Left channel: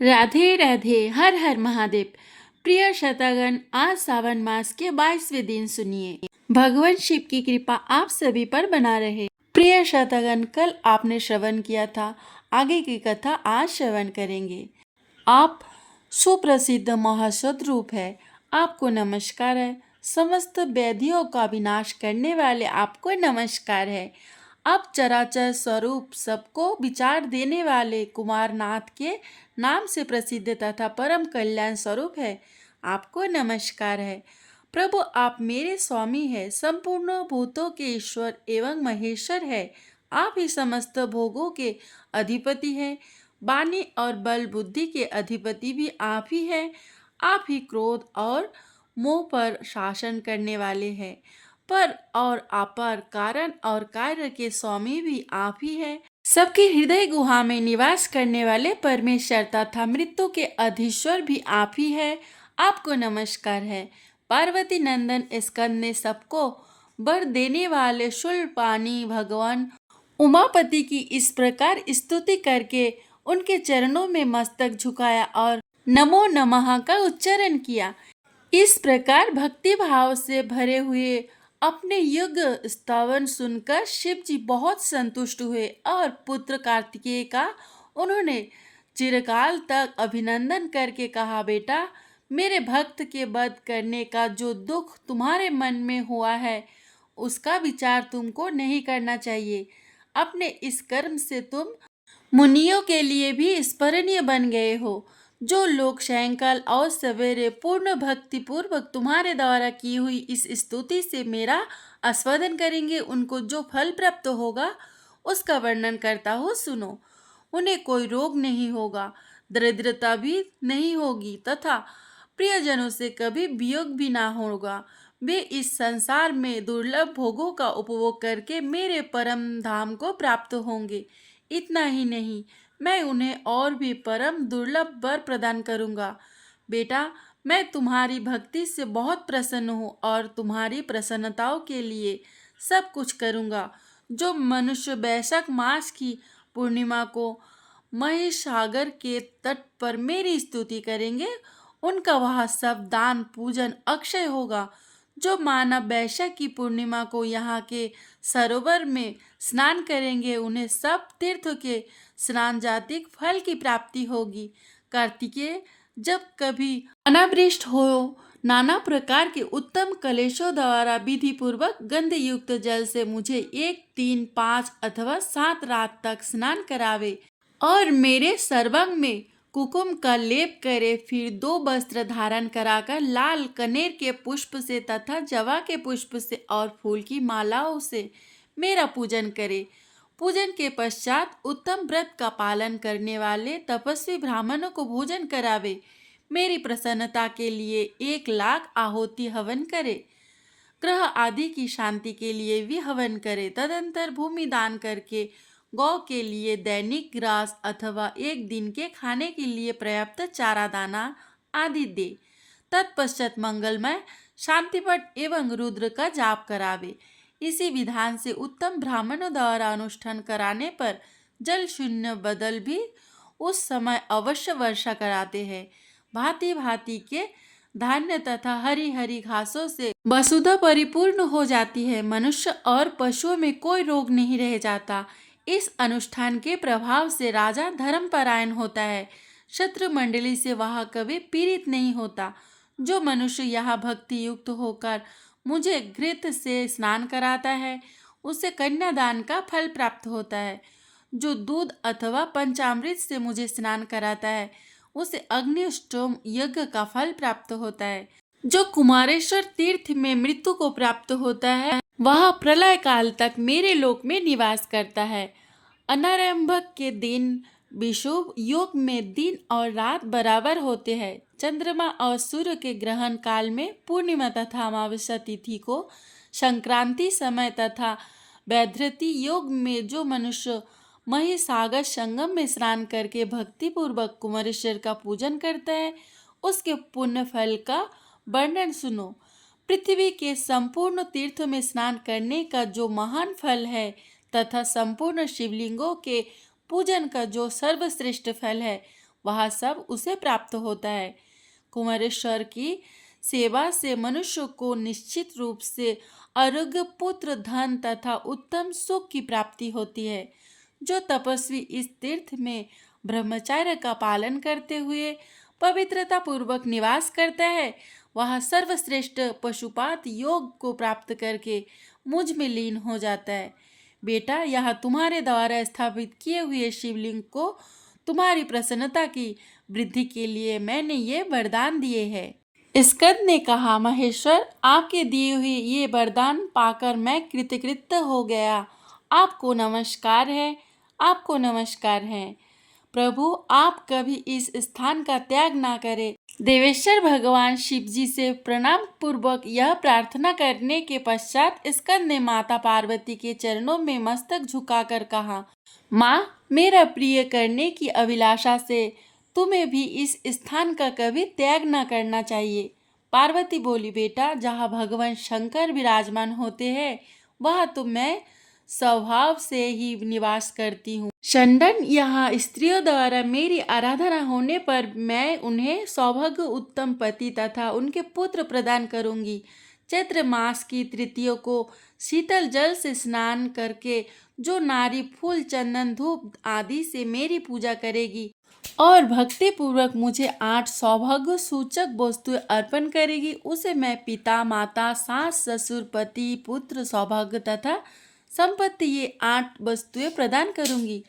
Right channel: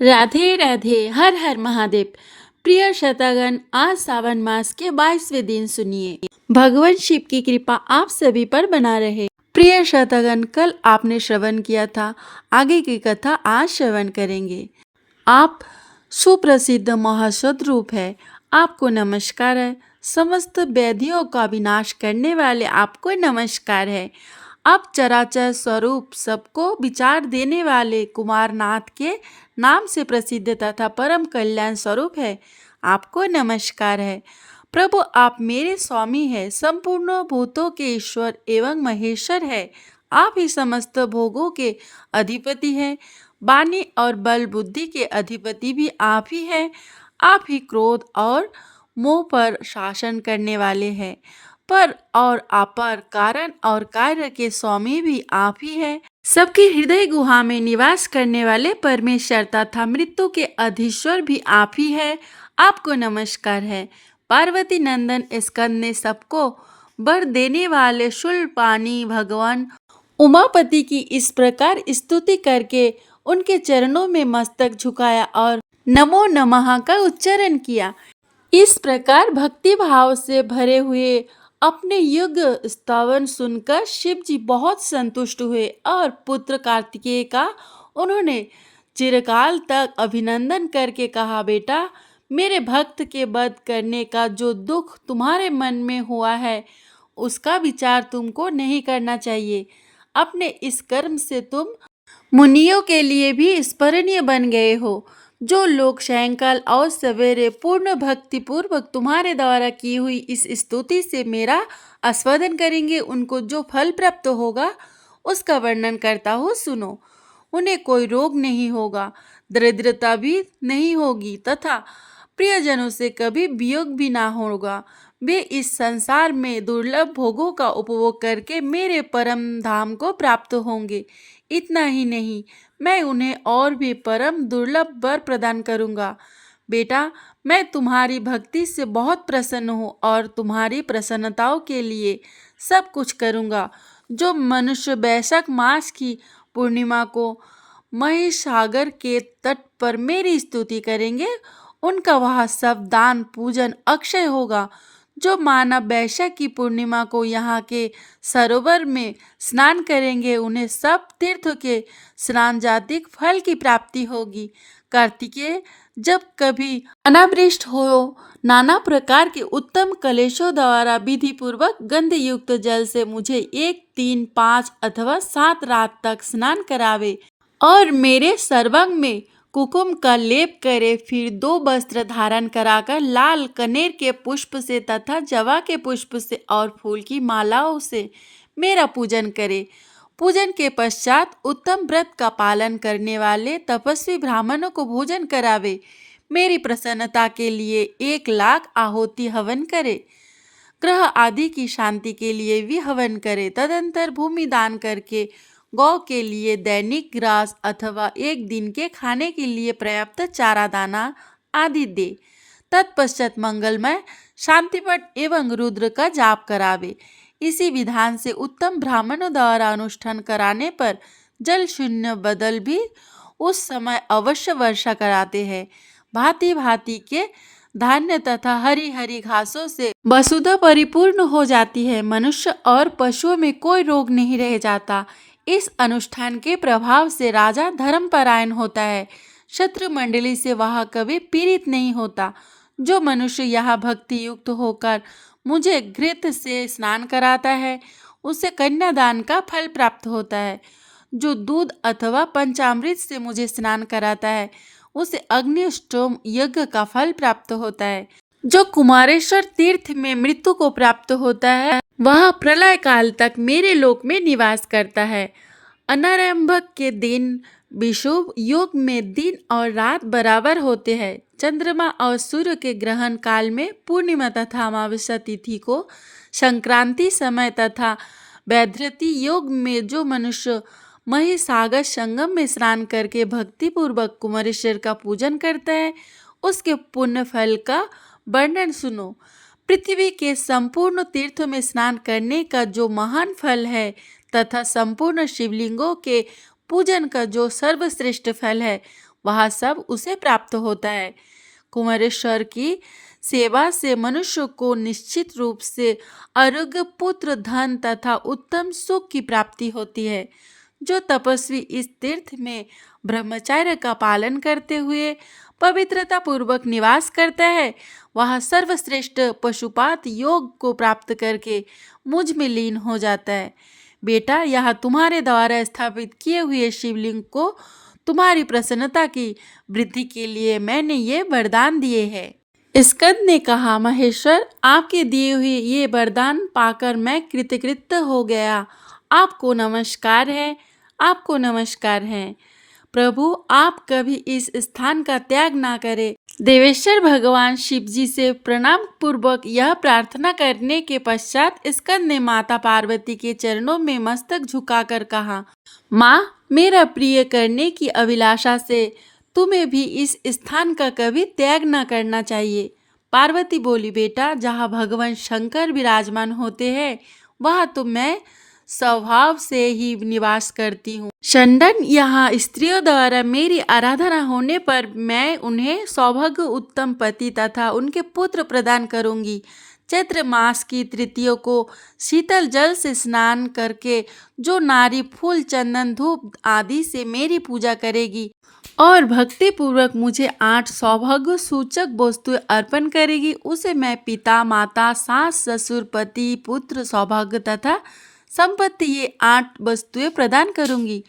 राधे राधे, हर हर महादेव। प्रिय श्रोतागण, आज सावन मास के 22वें दिन सुनिए। भगवान शिव की कृपा आप सभी पर बना रहे। प्रिय श्रोतागण, कल आपने श्रवण किया था, आगे की कथा आज श्रवण करेंगे। आप सुप्रसिद्ध महासद रूप है, आपको नमस्कार है। समस्त व्याधियों का विनाश करने वाले आपको नमस्कार है। आप चराचर स्वरूप सबको विचार देने वाले कुमारनाथ के नाम से प्रसिद्ध तथा परम कल्याण स्वरूप है, आपको नमस्कार है। प्रभु, आप मेरे स्वामी है, संपूर्ण भूतों के ईश्वर एवं महेश्वर है। आप ही समस्त भोगों के अधिपति हैं। वाणी और बल बुद्धि के अधिपति भी आप ही हैं। आप ही क्रोध और मोह पर शासन करने वाले हैं। पर और अपर, कारण और कार्य के स्वामी भी आप ही हैं। सबके हृदय गुहा में निवास करने वाले परमेश्वर तथा मृत्यु के अधीश्वर भी आप ही हैं। आपको नमस्कार है। पार्वती नंदन स्कंद ने सबको वर देने वाले शूलपाणी भगवान उमापति की इस प्रकार स्तुति करके उनके चरणों में मस्तक झुकाया और नमो नमः का उच्चारण किया। इस प्रकार भक्ति भाव से भरे हुए अपने युग स्तवन सुनकर शिव जी बहुत संतुष्ट हुए और पुत्र कार्तिकेय का उन्होंने चिरकाल तक अभिनंदन करके कहा, बेटा, मेरे भक्त के वध करने का जो दुख तुम्हारे मन में हुआ है, उसका विचार तुमको नहीं करना चाहिए। अपने इस कर्म से तुम मुनियों के लिए भी स्मरणीय बन गए हो। जो लोग सायंकाल और सवेरे पूर्ण भक्ति पूर्वक तुम्हारे द्वारा की हुई इस स्तुति से मेरा आस्वादन करेंगे, उनको जो फल प्राप्त होगा उसका वर्णन करता हूँ, सुनो। उन्हें कोई रोग नहीं होगा, दरिद्रता भी नहीं होगी तथा प्रियजनों से कभी वियोग भी ना होगा। वे इस संसार में दुर्लभ भोगों का उपभोग करके मेरे परम धाम को प्राप्त होंगे। इतना ही नहीं, मैं उन्हें और भी परम दुर्लभ वर प्रदान करूंगा। बेटा, मैं तुम्हारी भक्ति से बहुत प्रसन्न हूँ और तुम्हारी प्रसन्नताओं के लिए सब कुछ करूँगा। जो मनुष्य वैशाख मास की पूर्णिमा को महिसागर के तट पर मेरी स्तुति करेंगे, उनका वह सब दान पूजन अक्षय होगा। जो मानव वैशाख की पूर्णिमा को यहाँ के सरोवर में स्नान करेंगे, उन्हें सब तीर्थ के स्नान जातिक फल की प्राप्ति होगी। कार्तिकेय, जब कभी अनावृष्ट हो, नाना प्रकार के उत्तम कलेशों द्वारा विधि पूर्वक गंध युक्त जल से मुझे 1, 3, 5 अथवा 7 रात तक स्नान करावे और मेरे सर्वांग में कुकुम का लेप करे, फिर 2 वस्त्र धारण कराकर लाल कनेर के पुष्प से तथा जवा के पुष्प से और फूल की मालाओं से मेरा पूजन करे। पूजन के पश्चात उत्तम व्रत का पालन करने वाले तपस्वी ब्राह्मणों को भोजन करावे। मेरी प्रसन्नता के लिए 1,00,000 आहुति हवन करे। ग्रह आदि की शांति के लिए भी हवन करे। तदंतर भूमि दान करके गौ के लिए दैनिक ग्रास अथवा 1 दिन के खाने के लिए पर्याप्त चारा दाना आदि दे। तत्पश्चात मंगलमय शांतिपट एवं रुद्र का जाप करावे। इसी विधान से उत्तम ब्राह्मणों द्वारा अनुष्ठान कराने पर जल शून्य बदल भी उस समय अवश्य वर्षा कराते हैं। भांति भांति के धान्य तथा हरी हरी घासों से वसुधा परिपूर्ण हो जाती है। मनुष्य और पशुओं में कोई रोग नहीं रह जाता। इस अनुष्ठान के प्रभाव से राजा धर्मपरायण होता है। शत्रु मंडली से वह कभी पीड़ित नहीं होता। जो मनुष्य यहाँ भक्ति युक्त होकर मुझे घृत से स्नान कराता है, उसे कन्यादान का फल प्राप्त होता है। जो दूध अथवा पंचामृत से मुझे स्नान कराता है, उसे अग्निष्टोम यज्ञ का फल प्राप्त होता है। जो कुमारेश्वर तीर्थ में मृत्यु को प्राप्त होता है, वह प्रलय काल तक मेरे लोक में निवास करता है। अनारंभक के दिन विषुव योग में दिन और रात बराबर होते हैं। चंद्रमा और सूर्य के ग्रहण काल में पूर्णिमा तथा अमावस्या तिथि को संक्रांति समय तथा वैधृति योग में जो मनुष्य महिसागर संगम में स्नान करके भक्ति पूर्वक कुमारेश्वर का पूजन करता है, उसके पुण्य फल का वर्णन सुनो। पृथ्वी के संपूर्ण तीर्थों में स्नान करने का जो महान फल है तथा संपूर्ण शिवलिंगों के पूजन का जो सर्वश्रेष्ठ फल है, वह सब उसे प्राप्त होता है। कुमारेश्वर की सेवा से मनुष्य को निश्चित रूप से आरोग्य, पुत्र, धन तथा उत्तम सुख की प्राप्ति होती है। जो तपस्वी इस तीर्थ में ब्रह्मचर्य का पालन करते हुए पवित्रता पूर्वक निवास करता है, वह सर्वश्रेष्ठ पशुपात योग को प्राप्त करके मुझ में लीन हो जाता है। बेटा, यह तुम्हारे द्वारा स्थापित किए हुए शिवलिंग को तुम्हारी प्रसन्नता की वृद्धि के लिए मैंने ये वरदान दिए हैं। स्कंद ने कहा, महेश्वर, आपके दिए हुए ये वरदान पाकर मैं कृतकृत्य हो गया। आपको नमस्कार है, आपको नमस्कार है। प्रभु, आप कभी इस स्थान का त्याग ना करें। देवेश्वर भगवान शिव जी से प्रणाम पूर्वक यह प्रार्थना करने के पश्चात स्कंद ने माता पार्वती के चरणों में मस्तक झुकाकर कहा, माँ, मेरा प्रिय करने की अभिलाषा से तुम्हें भी इस स्थान का कभी त्याग न करना चाहिए। पार्वती बोली, बेटा, जहाँ भगवान शंकर विराजमान होते हैं वहाँ तो मैं स्वभाव से ही निवास करती हूँ। चंदन, यहाँ स्त्रियों द्वारा मेरी आराधना होने पर मैं उन्हें सौभाग्य, उत्तम पति तथा उनके पुत्र प्रदान करूंगी। चैत्र मास की तृतीया को शीतल जल से स्नान करके जो नारी फूल, चंदन, धूप आदि से मेरी पूजा करेगी और भक्ति पूर्वक मुझे 8 सौभाग्य सूचक वस्तुएं अर्पण करेगी, उसे मैं पिता, माता, सास, ससुर, पति, पुत्र, सौभाग्य तथा संपत्ति ये 8 वस्तुएं प्रदान करूंगी।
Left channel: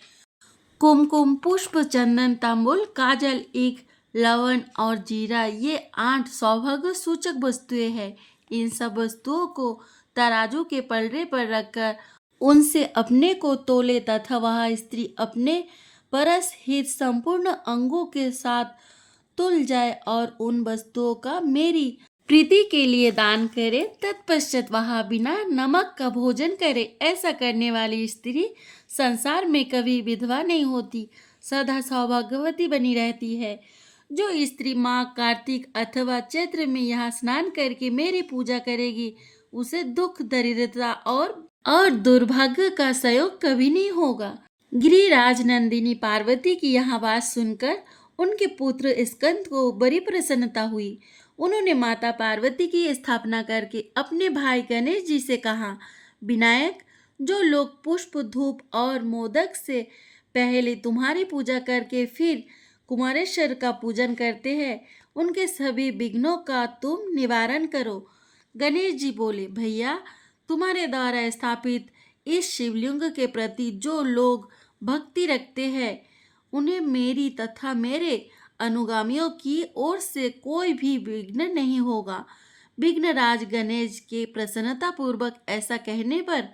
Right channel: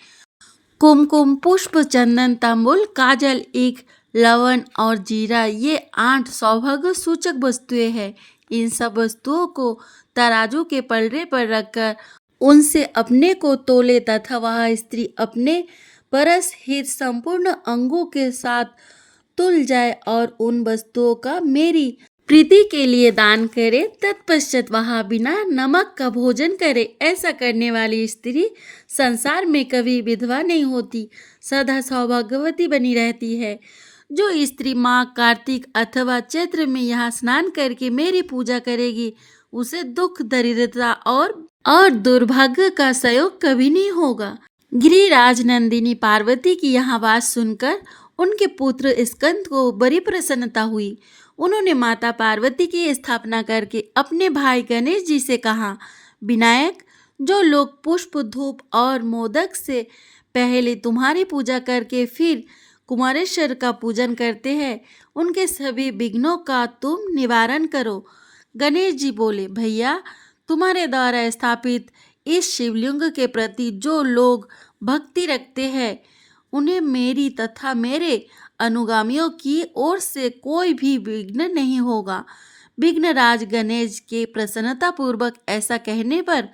कुमकुम, पुष्प, चंदन, तांबुल, काजल, ईख, लवण और जीरा ये 8 सौभाग्य सूचक वस्तुएं हैं। इन सब वस्तुओं को तराजू के पलड़े पर रखकर उनसे अपने को तोले तथा वह स्त्री अपने परस हित संपूर्ण अंगों के साथ तुल जाए और उन वस्तुओं का मेरी प्रीति के लिए दान करे। तत्पश्चात वह बिना नमक का भोजन करे। ऐसा करने वाली स्त्री संसार में कभी विधवा नहीं होती, सदा सौभाग्यवती बनी रहती है। जो स्त्री माँ कार्तिक अथवा चैत्र में यहाँ स्नान करके मेरी पूजा करेगी, उसे दुख, दरिद्रता और दुर्भाग्य का संयोग कभी नहीं होगा। गिरिराज नंदिनी पार्वती की यह बात सुनकर उनके पुत्र स्कंद को बड़ी प्रसन्नता हुई। उन्होंने माता पार्वती की स्थापना करके अपने भाई गणेश जी से कहा, विनायक, जो लोग पुष्प, धूप और मोदक से पहले तुम्हारी पूजा करके फिर कुमारेश्वर का पूजन करते हैं, उनके सभी विघ्नों का तुम निवारण करो। गणेश जी बोले, भैया, तुम्हारे द्वारा स्थापित इस शिवलिंग के प्रति जो लोग भक्ति रखते हैं, उन्हें मेरी तथा मेरे अनुगामियों की ओर से कोई भी विघ्न नहीं होगा। विघ्नराज गणेश के प्रसन्नता पूर्वक ऐसा कहने पर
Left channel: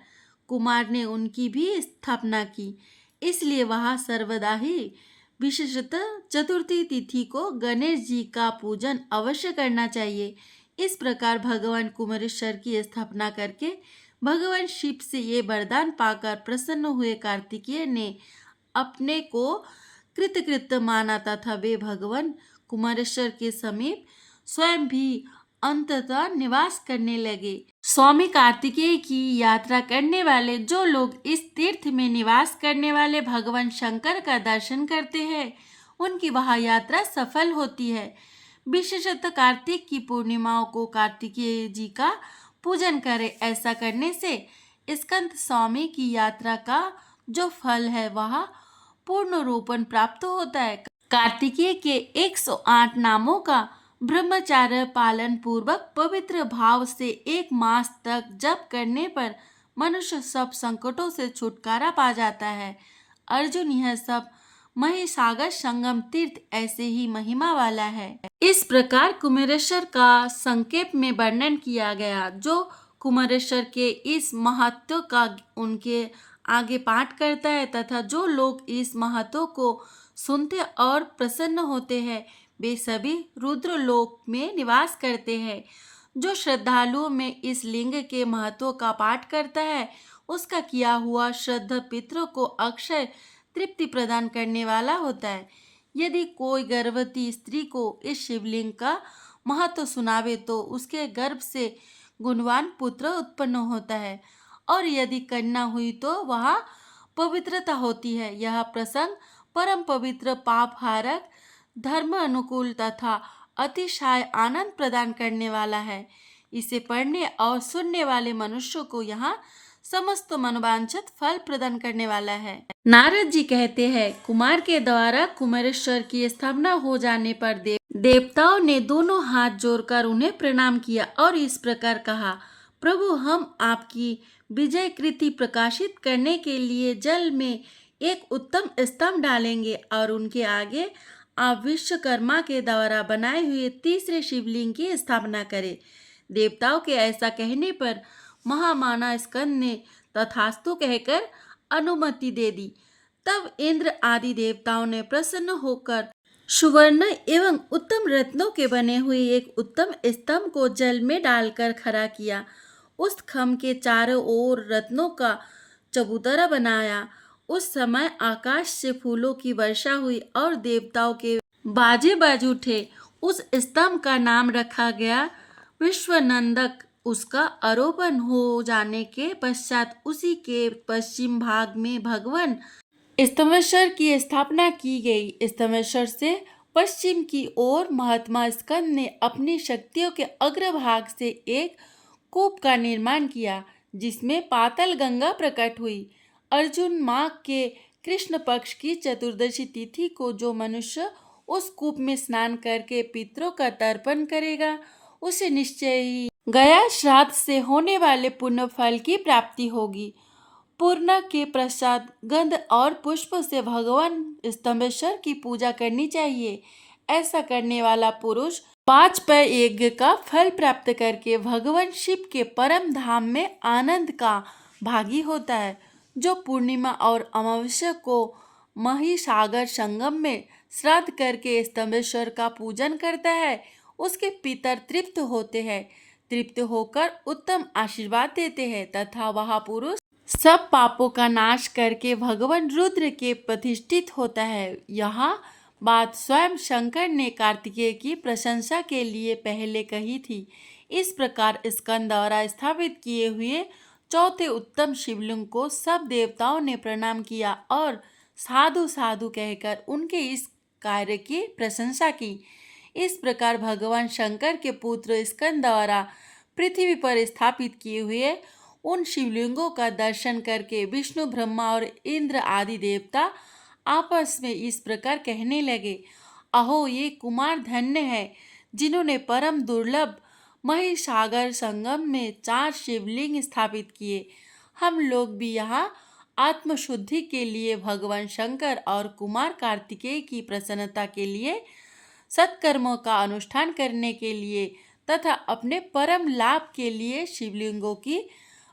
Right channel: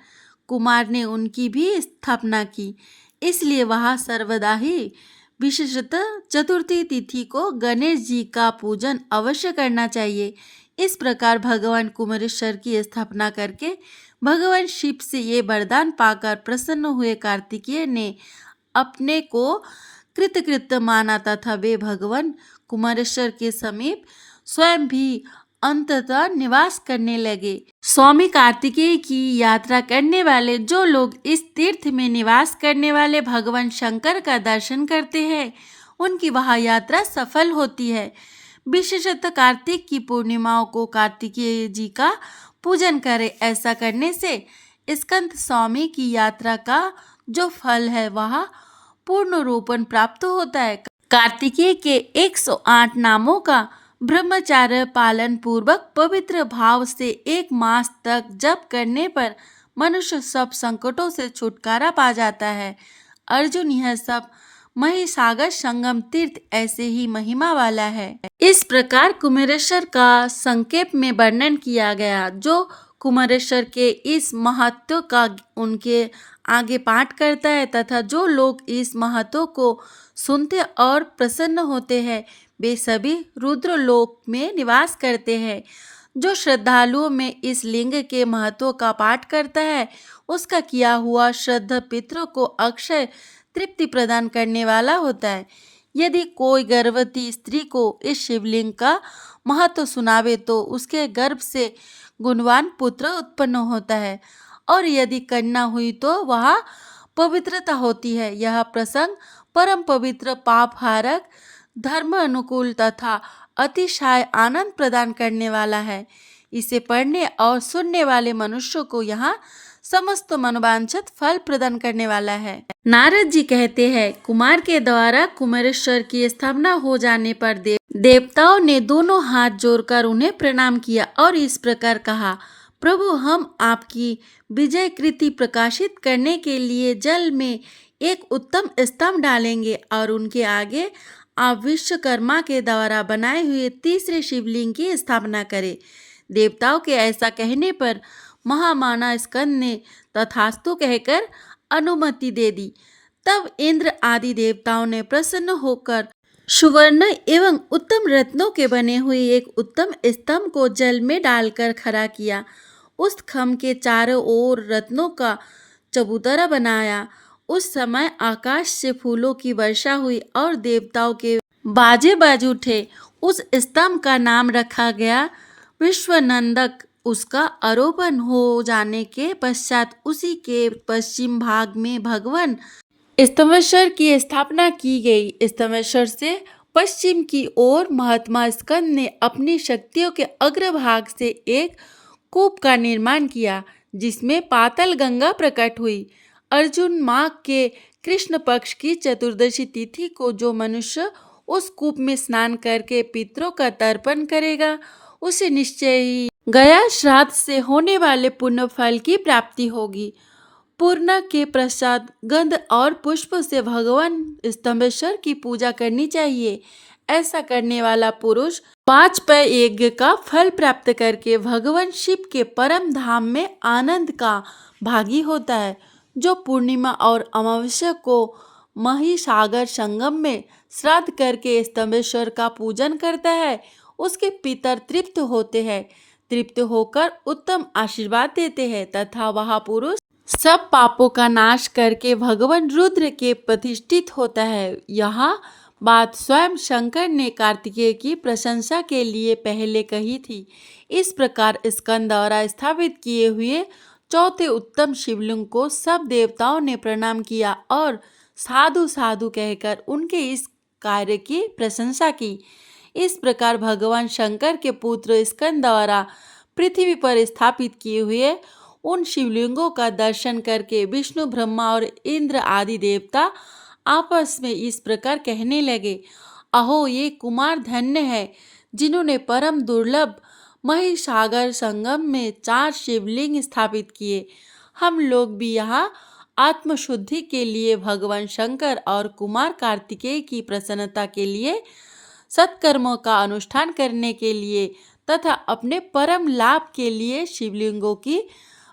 कुमार ने उनकी भी स्थापना की। इसलिए वहाँ सर्वदा ही विशेषतः चतुर्थी तिथि को गणेश जी का पूजन अवश्य करना चाहिए। इस प्रकार भगवान कुमारेश्वर की स्थापना करके भगवान शिव से ये वरदान पाकर प्रसन्न हुए कार्तिकेय ने अपने को कृतकृत्य माना तथा वे भगवान कुमारेश्वर के समीप स्वयं भी अंततः निवास करने लगे। स्वामी कार्तिकेय की यात्रा करने वाले जो लोग इस तीर्थ में निवास करने वाले भगवान शंकर का दर्शन करते हैं, उनकी वह यात्रा सफल होती है। विशेषतः कार्तिक की पूर्णिमाओं को कार्तिकेय जी का पूजन करें। ऐसा करने से स्कंद स्वामी की यात्रा का जो फल है वह पूर्ण रूपन प्राप्त होता है। कार्तिकेय के 108 नामों का ब्रह्मचार्य पालन पूर्वक पवित्र भाव से 1 मास तक जप करने पर मनुष्य सब संकटों से छुटकारा पा जाता है। अर्जुन, यह सब महिसागर संगम तीर्थ ऐसे ही महिमा वाला है। इस प्रकार कुमारेश्वर का संक्षेप में वर्णन किया गया। जो कुमारेश्वर के इस महत्व का उनके आगे पाठ करता है तथा जो लोग इस महत्व को सुनते और प्रसन्न होते हैं, वे सभी रुद्र लोक में निवास करते हैं। जो श्रद्धालुओं में इस लिंग के महत्व का पाठ करता है, उसका किया हुआ श्रद्धा पितरों को अक्षय तृप्ति प्रदान करने वाला होता है। यदि कोई गर्भवती स्त्री को इस शिवलिंग का महत्व सुनावे तो उसके गर्भ से गुणवान पुत्र उत्पन्न होता है, और यदि कन्या हुई तो वह पवित्रता होती है। यह प्रसंग परम पवित्र, पाप हारक, धर्म अनुकूल तथा अतिशय आनंद प्रदान करने वाला है। इसे पढ़ने और सुनने वाले मनुष्यों को यहाँ समस्त मनोवांछित फल प्रदान करने वाला है। नारद जी कहते हैं, कुमार के द्वारा कुमारेश्वर की स्थापना हो जाने पर देवताओं ने दोनों हाथ जोड़कर उन्हें प्रणाम किया और इस प्रकार कहा, प्रभु, हम आपकी विजय कृति प्रकाशित करने के लिए जल में एक उत्तम स्तंभ डालेंगे और उनके आगे आप विश्वकर्मा के द्वारा बनाए हुए तीसरे शिवलिंग की स्थापना करें। देवताओं के ऐसा कहने पर महामाना स्कंद ने तथास्तु कहकर अनुमति दे दी। तब इंद्र आदि देवताओं ने प्रसन्न होकर सुवर्ण एवं उत्तम रत्नों के बने हुए एक उत्तम स्तंभ को जल में डालकर खड़ा किया। उस खम्भ के चारों ओर रत्नों का चबूतरा बनाया। उस समय आकाश से फूलों की वर्षा हुई और देवताओं के बाजे बाज उठे। उस स्तंभ का नाम रखा गया विश्वनंदक। उसका आरोपण हो जाने के पश्चात उसी के पश्चिम भाग में भगवान स्तंभेश्वर की स्थापना की गई। स्तंभेश्वर से पश्चिम की ओर महात्मा स्कंद ने अपनी शक्तियों के अग्रभाग से एक कूप का निर्माण किया, जिसमें पाताल गंगा प्रकट हुई। अर्जुन माह के कृष्ण पक्ष की चतुर्दशी तिथि को जो मनुष्य उस कूप में स्नान करके पितरों का तर्पण करेगा, उसे निश्चय ही गया श्राद्ध से होने वाले पुण्य फल की प्राप्ति होगी। पूर्ण के प्रसाद गंध और पुष्प से भगवान स्तंभेश्वर की पूजा करनी चाहिए। ऐसा करने वाला पुरुष 5 पय यज्ञ का फल प्राप्त करके भगवान शिव के परम धाम में आनंद का भागी होता है। जो पूर्णिमा और अमावस्या को महिसागर संगम में श्राद्ध करके स्तंभेश्वर का पूजन करता है, उसके पितर तृप्त होते हैं। तृप्त होकर उत्तम आशीर्वाद देते हैं तथा वह पुरुष सब पापों का नाश करके भगवान रुद्र के प्रतिष्ठित होता है। यह बात स्वयं शंकर ने कार्तिकेय की प्रशंसा के लिए पहले कही थी। इस प्रकार स्कंद द्वारा स्थापित किए हुए चौथे उत्तम शिवलिंग को सब देवताओं ने प्रणाम किया और साधु साधु कहकर उनके इस कार्य की प्रशंसा की। इस प्रकार भगवान शंकर के पुत्र स्कंद द्वारा पृथ्वी पर स्थापित किए हुए उन शिवलिंगों का दर्शन करके विष्णु, ब्रह्मा और इंद्र आदि देवता आपस में इस प्रकार कहने लगे, अहो, ये कुमार धन्य है जिन्होंने परम दुर्लभ महिसागर संगम में 4 शिवलिंग स्थापित किए। हम लोग भी यहाँ आत्मशुद्धि के लिए भगवान शंकर और कुमार कार्तिकेय की प्रसन्नता के लिए, सत्कर्मों का अनुष्ठान करने के लिए तथा अपने परम लाभ के लिए शिवलिंगों की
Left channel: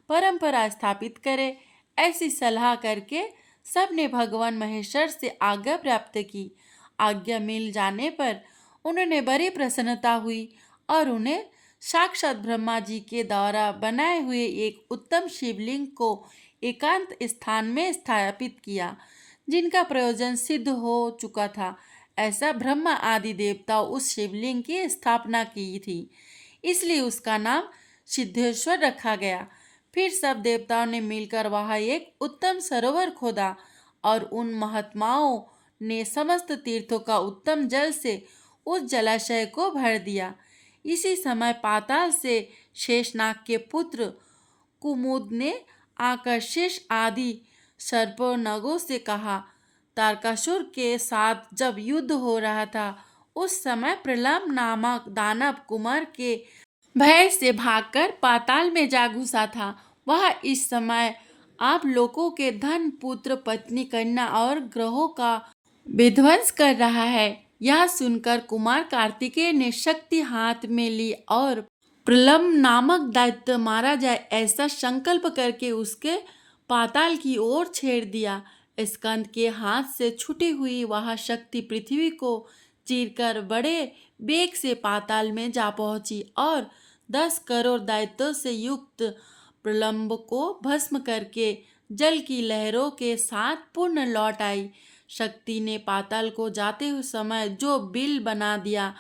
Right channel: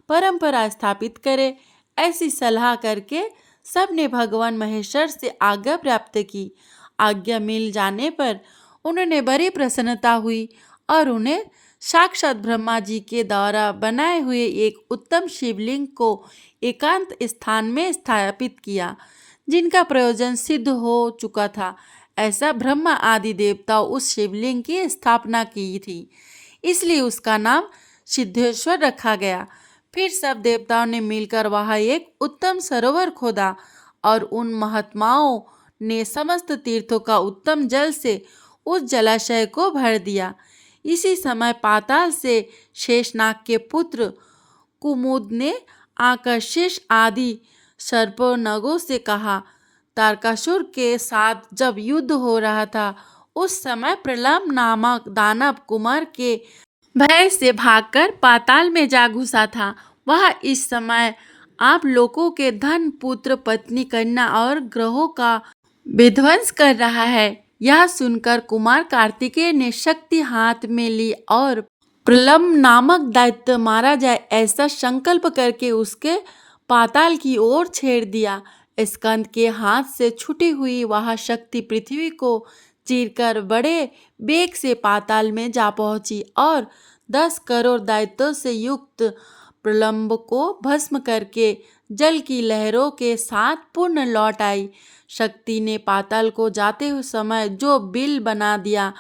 परंपरा स्थापित करें। ऐसी सलाह करके सबने भगवान महेश्वर से आज्ञा प्राप्त की। आज्ञा मिल जाने पर उन्होंने बड़ी प्रसन्नता हुई और उन्हें साक्षात ब्रह्मा जी के द्वारा बनाए हुए एक उत्तम शिवलिंग को एकांत स्थान में स्थापित किया, जिनका प्रयोजन सिद्ध हो चुका था। ऐसा ब्रह्मा आदि देवताओं उस शिवलिंग की स्थापना की थी, इसलिए उसका नाम सिद्धेश्वर रखा गया। फिर सब देवताओं ने मिलकर वहाँ एक उत्तम सरोवर खोदा और उन महात्माओं ने समस्त तीर्थों का उत्तम जल से उस जलाशय को भर दिया। इसी समय पाताल से शेषनाग के पुत्र कुमुद ने आकर शेष आदि सर्पनगों से कहा, तारकासुर के साथ जब युद्ध हो रहा था, उस समय प्रलंब नामक दानव कुमार के भय से भागकर पाताल में जा घुसा था। वह इस समय आप लोगों के धन, पुत्र, पत्नी, कन्या और ग्रहों का विध्वंस कर रहा है। यह सुनकर कुमार कार्तिकेय ने शक्ति हाथ में ली और प्रलंब नामक दैत्य मारा जाए ऐसा संकल्प करके उसके पाताल की ओर छेड़ दिया। स्कंद के हाथ से छूटी हुई वह शक्ति पृथ्वी को चीरकर बड़े वेग से पाताल में जा पहुंची और 10 करोड़ दैत्यों से युक्त प्रलंब को भस्म करके जल की लहरों के साथ पुनः लौट आई। शक्ति ने पाताल को जाते हुए समय जो बिल बना दिया,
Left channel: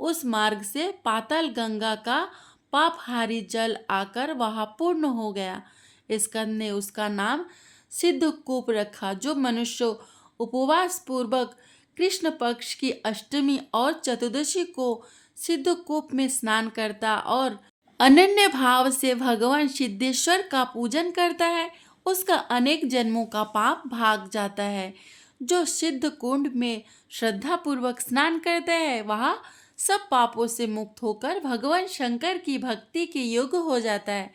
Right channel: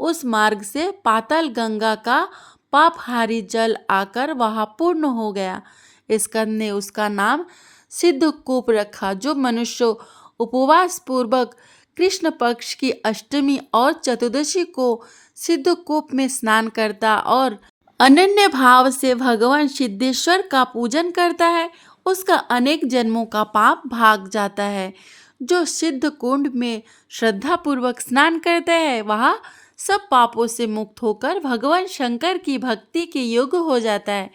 उस मार्ग से पाताल गंगा का पापहारी जल आकर वहाँ पूर्ण हो गया। स्कंद ने उसका नाम सिद्धकूप रखा, जो मनुष्य उपवास पूर्वक कृष्ण पक्ष की अष्टमी और चतुर्दशी को सिद्धकूप में स्नान करता और अनन्य भाव से भगवान सिद्धेश्वर का पूजन करता है, उसका अनेक जन्मों का पाप भाग जाता है। जो सिद्ध कुंड में श्रद्धा पूर्वक स्नान करता है वह सब पापों से मुक्त होकर भगवान शंकर की भक्ति के योग्य हो जाता है।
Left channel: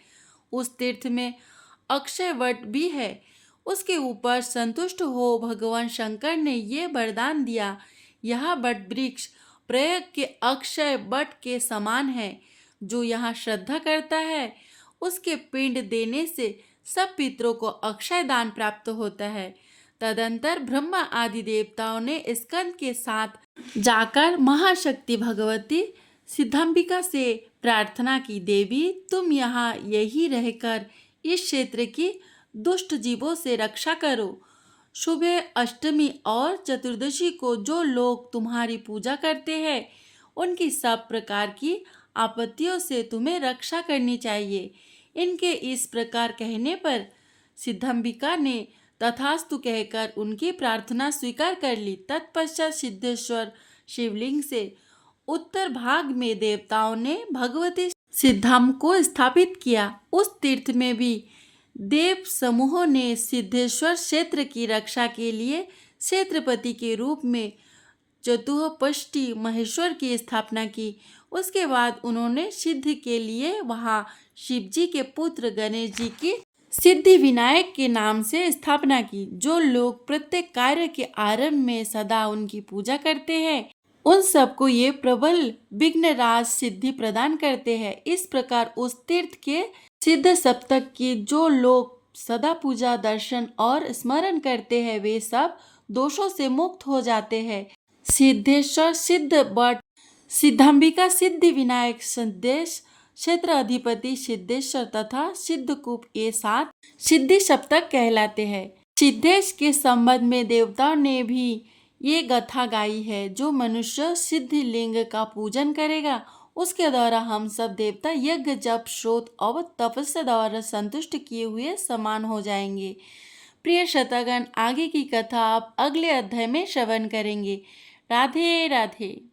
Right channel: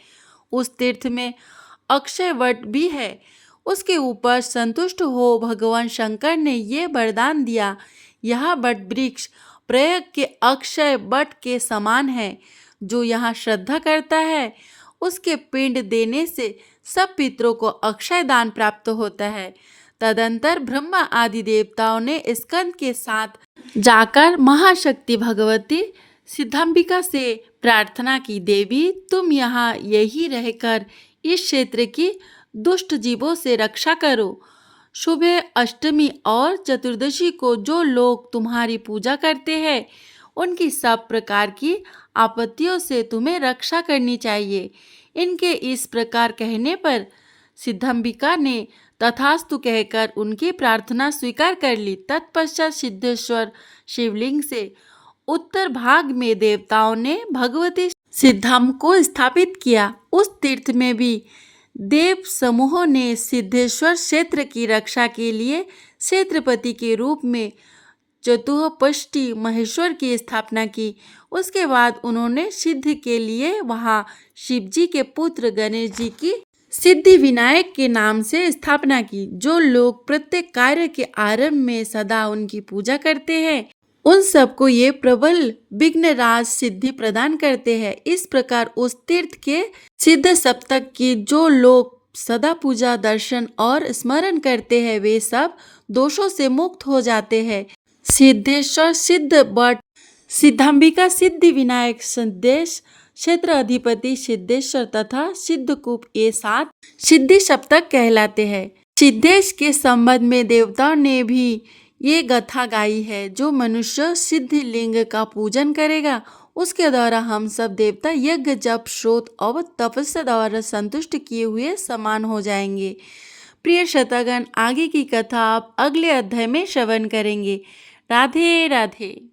उस तीर्थ में अक्षय वट भी है। उसके ऊपर संतुष्ट हो भगवान शंकर ने ये वरदान दिया, यह वट वृक्ष प्रयाग के अक्षय वट के समान है। जो यहाँ श्रद्धा करता है उसके पिंड देने से सब पितरों को अक्षय दान प्राप्त होता है। तदंतर ब्रह्मा आदि देवताओं ने स्कंद के साथ जाकर महाशक्ति भगवती सिद्धांबिका से प्रार्थना की, देवी तुम यहाँ यही रहकर इस क्षेत्र की दुष्ट जीवों से रक्षा करो। शुभ अष्टमी और चतुर्दशी को जो लोग तुम्हारी पूजा करते हैं उनकी सब प्रकार की आपत्तियों से तुम्हें रक्षा करनी चाहिए। इनके इस प्रकार कहने पर सिद्धांबिका ने तथास्तु कहकर उनकी प्रार्थना स्वीकार कर ली। तत्पश्चात सिद्धेश्वर शिवलिंग से उत्तर भाग में देवताओं ने भगवती सिद्धाम को स्थापित किया। उस तीर्थ में भी देव समूहों ने सिद्धेश्वर क्षेत्र की रक्षा के लिए क्षेत्रपति के रूप में चतुष्पष्टी महेश्वर की स्थापना की। उसके बाद उन्होंने सिद्धि के लिए वहाँ शिवजी के पुत्र गणेश जी की सिद्धि विनायक के नाम से स्थापना की। जो लोग प्रत्येक कार्य के आरंभ में सदा उनकी पूजा करते हैं उन सबको ये प्रबल विघ्नराज सिद्धि प्रदान करते हैं। इस प्रकार उस तीर्थ के सिद्ध सप्तक की जो लोग सदा पूजा दर्शन और स्मरण करते हैं वे सब दोषों से मुक्त हो जाते हैं। सिद्धेश्वर सिद्ध बट सिद्धांबिका सिद्धि विनायक सिद्धेश क्षेत्र अधिपति सिद्धेश्वर तथा सिद्धकूप ये 7 सिद्धि सप्तक कहलाते हैं। सिद्धेश के संबंध में देवताओं ने भी ये गाथा गाई है, जो मनुष्य सिद्धि लिंग का पूजन करेगा उसके द्वारा हम सब देवता यज्ञ जप श्रोत और तपस्या द्वारा संतुष्ट किए हुए समान हो जाएंगे। प्रिय श्रोतागण, आगे की कथा आप अगले अध्याय में श्रवण करेंगे। राधे राधे।